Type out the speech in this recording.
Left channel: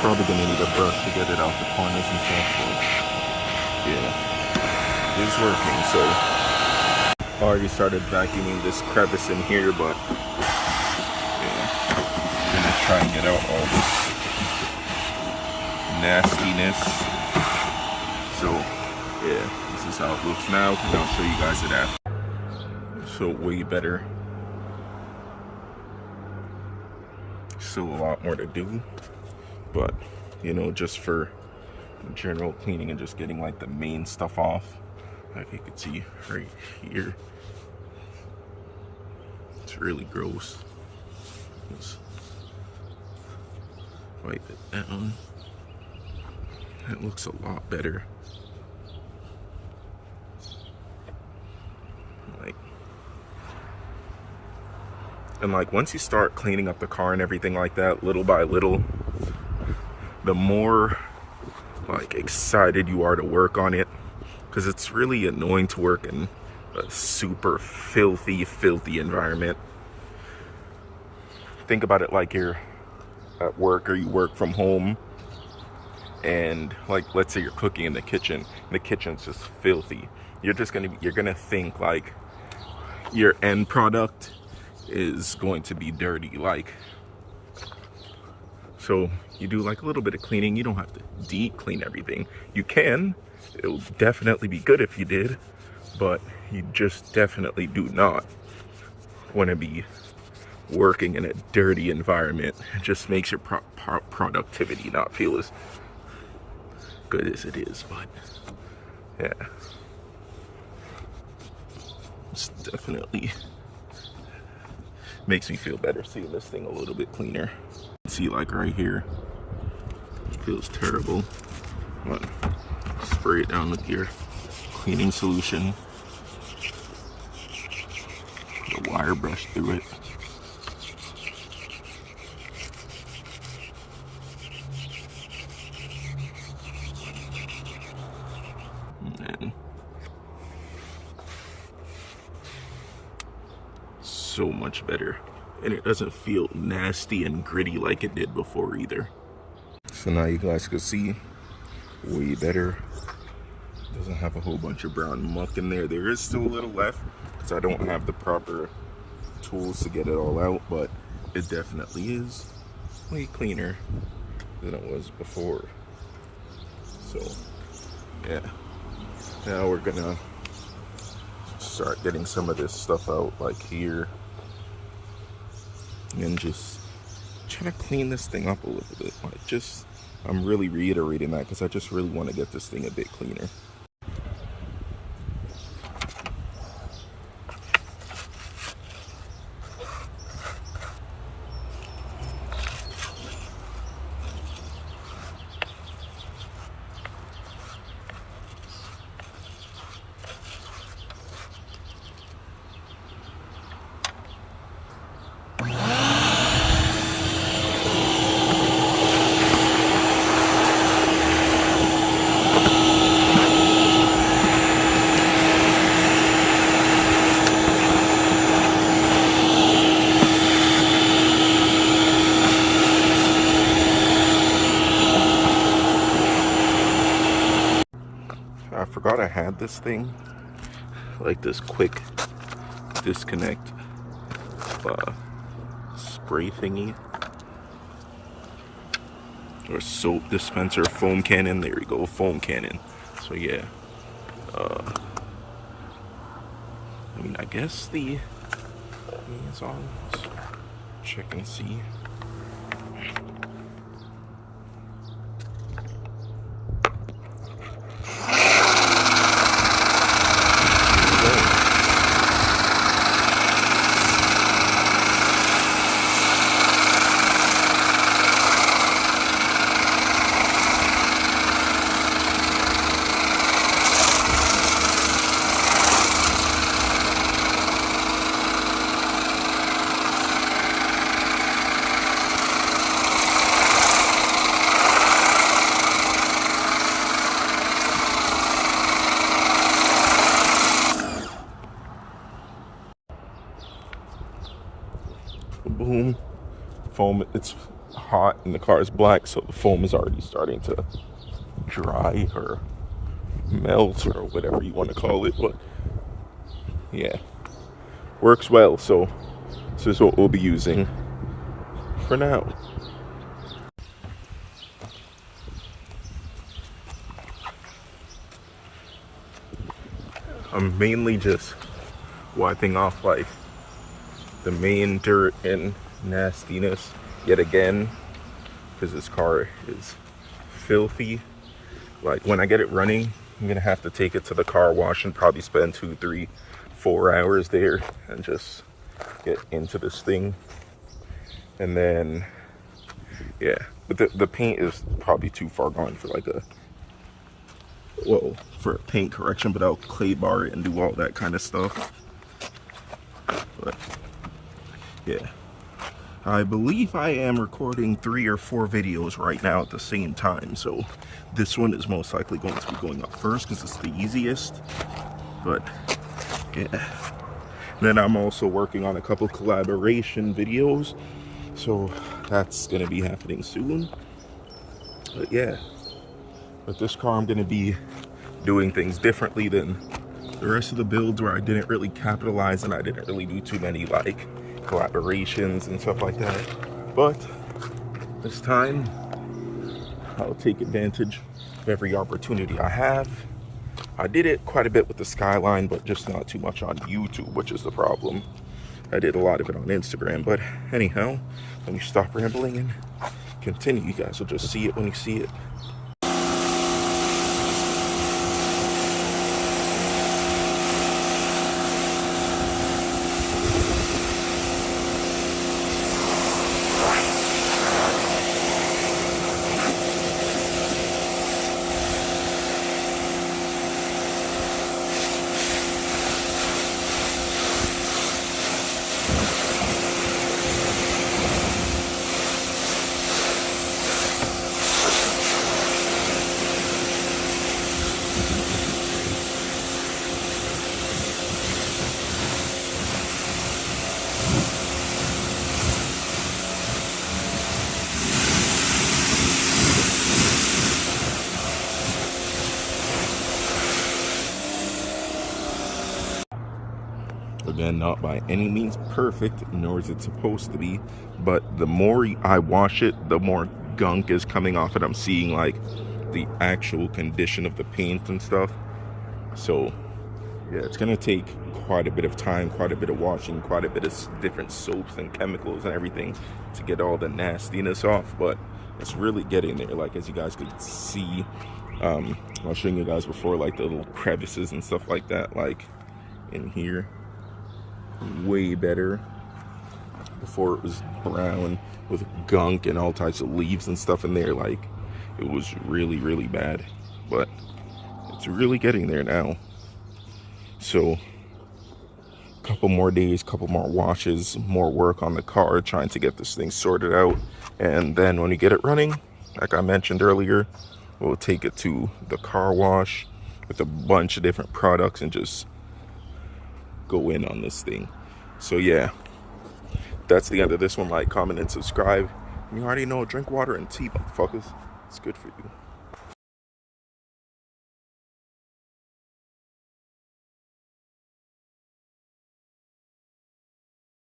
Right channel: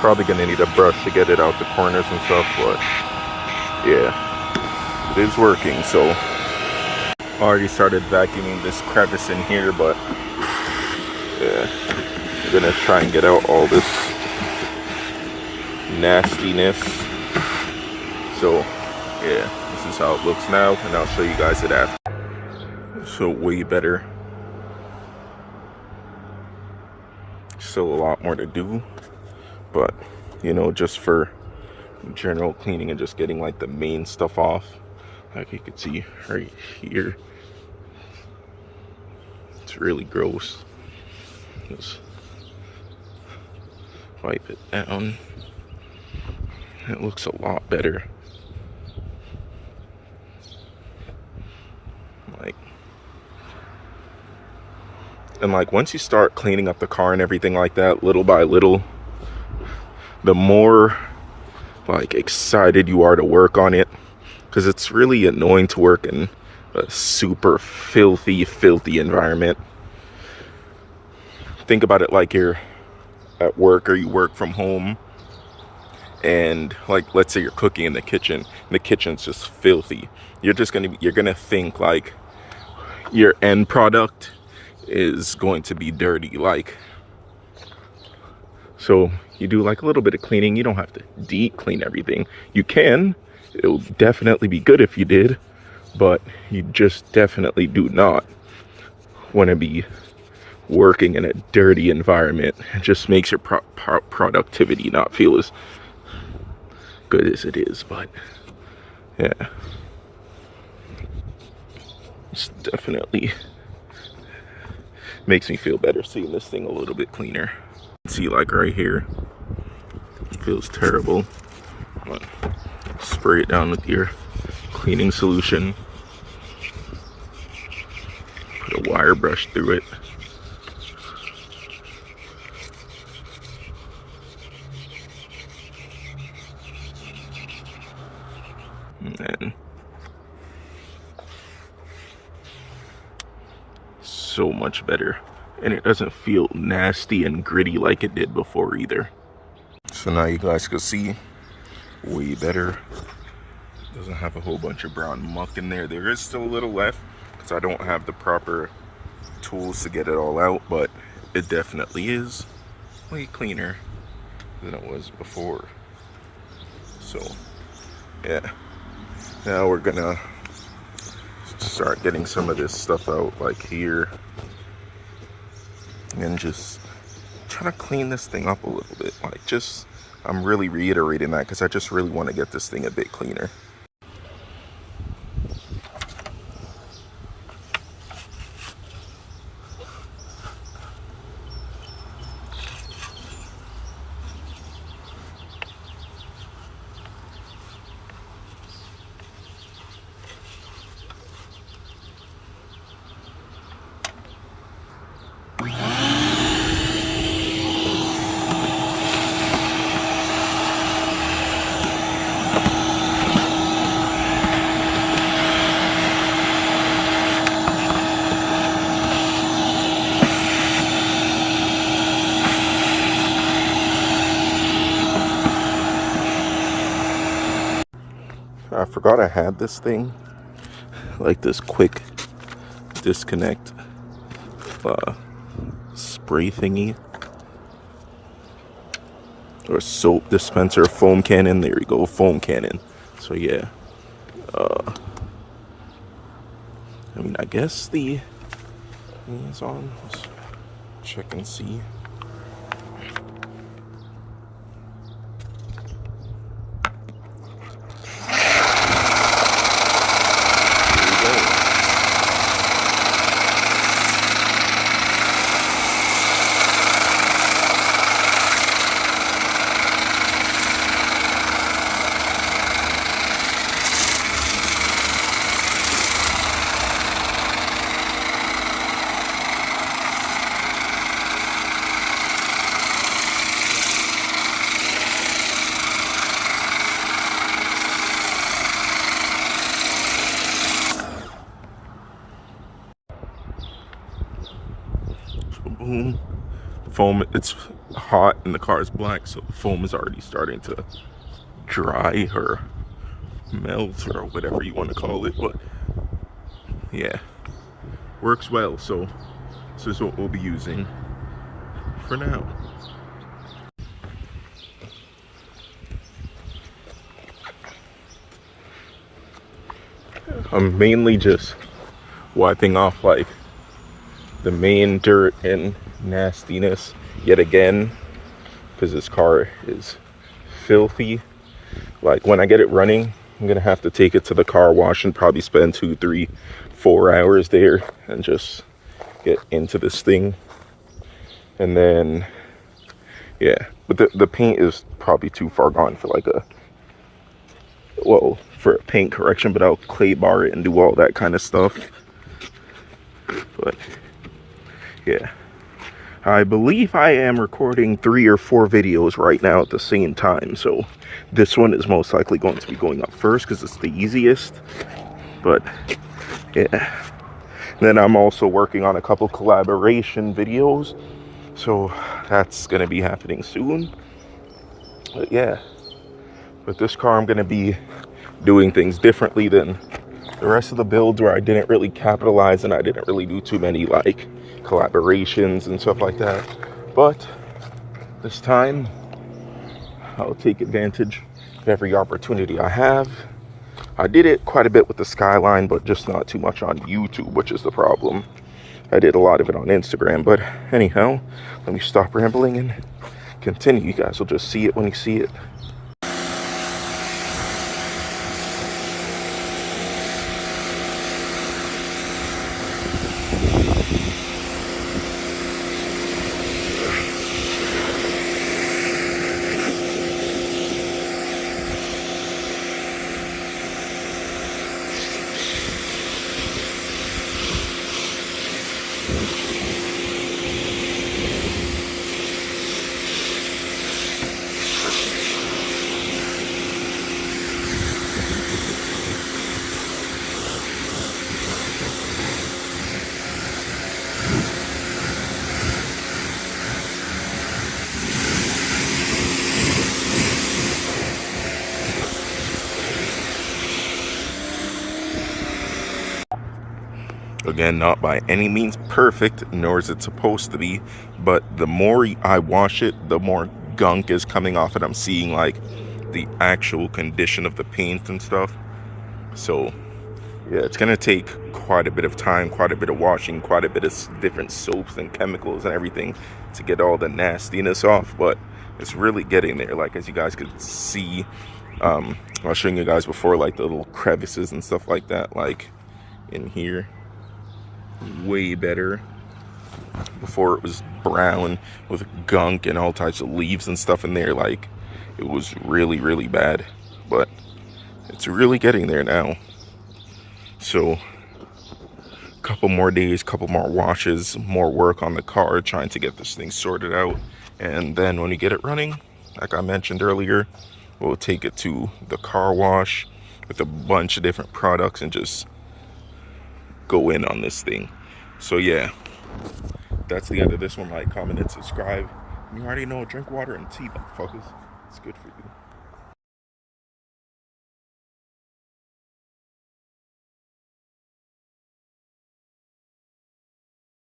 Probably gonna need a brush to get it out the corners and stuff, but yeah, it is working. So already started vacuuming this crevice in here, but yeah, I'm gonna try and get out all this nastiness. So yeah, this is how it looks now, and I'll show you guys it after. So way better. Still a lot more to do, but you know, just for general cleaning and just getting like the main stuff off, like you can see right here, it's really gross. Just wipe it down. It looks a lot better. Like once you start cleaning up the car and everything like that, little by little, the more like excited you are to work on it, because it's really annoying to work in a super filthy environment. Think about it like you're at work or you work from home, and like let's say you're cooking in the kitchen, the kitchen's just filthy. You're gonna think like your end product is going to be dirty. Like, so you do like a little bit of cleaning. You don't have to deep clean everything. You can, it'll definitely be good if you did, but you just definitely do not want to be working in a dirty environment. It just makes your productivity not feel as good as it is. But yeah, it's definitely makes me feel better seeing this thing a little bit cleaner. See, like right here, it feels terrible. Spray it down with your cleaning solution. Put a wire brush through it. And then so much better, and it doesn't feel nasty and gritty like it did before either. So now you guys can see way better. Doesn't have a whole bunch of brown muck in there. There is still a little left because I don't have the proper tools to get it all out, but it definitely is way cleaner than it was before. So yeah, now we're gonna start getting some of this stuff out, like here, and just try to clean this thing up a little bit. Like, just, I'm really reiterating that because I just really want to get this thing a bit cleaner. I forgot I had this thing, like this quick disconnect spray thingy, or soap dispenser, foam cannon. There you go, foam cannon. So yeah, I mean, I guess the is on. Let's check and see. foam, it's hot and the car is black, so the foam is already starting to dry or melt or whatever you want to call it. But yeah, works well. So this is what we'll be using for now. I'm mainly just wiping off like the main dirt and nastiness yet again, because this car is filthy. Like when I get it running, I'm gonna have to take it to the car wash and probably spend 2, 3, 4 hours there and just get into this thing. And then yeah, but the paint is probably too far gone for like a, well, for a paint correction, but I'll clay bar it and do all that kind of stuff. But yeah, I believe I am recording 3 or 4 videos right now at the same time, so this one is most likely going to be going up first because it's the easiest. But yeah, then I'm also working on a couple collaboration videos, so that's gonna be happening soon. But yeah, with this car I'm gonna be doing things differently than the rest of the builds, where I didn't really capitalize and I didn't really do too many like collaborations and stuff like that. But this time I'll take advantage of every opportunity I have. I did it quite a bit with the Skyline, but just not too much on YouTube, which is the problem. I did a lot of it on Instagram. But anyhow, let me stop rambling and continue. You guys will just see it when you see it. Again, not by any means perfect, nor is it supposed to be, but the more I wash it, the more gunk is coming off it. I'm seeing like the actual condition of the paint and stuff. So yeah, it's gonna take quite a bit of time, quite a bit of washing, quite a bit of different soaps and chemicals and everything to get all the nastiness off, but it's really getting there. Like, as you guys could see, I was showing you guys before, like the little crevices and stuff like that, like in here. Way better. Before it was brown with gunk and all types of leaves and stuff in there. Like, it was really, really bad, but it's really getting there now. So a couple more days, couple more washes, more work on the car, trying to get this thing sorted out. And then when you get it running, like I mentioned earlier, we'll take it to the car wash with a bunch of different products and just go in on this thing. So yeah, that's the end of this one. Like, comment, and subscribe. You already know, drink water and tea, motherfuckers. It's good for you.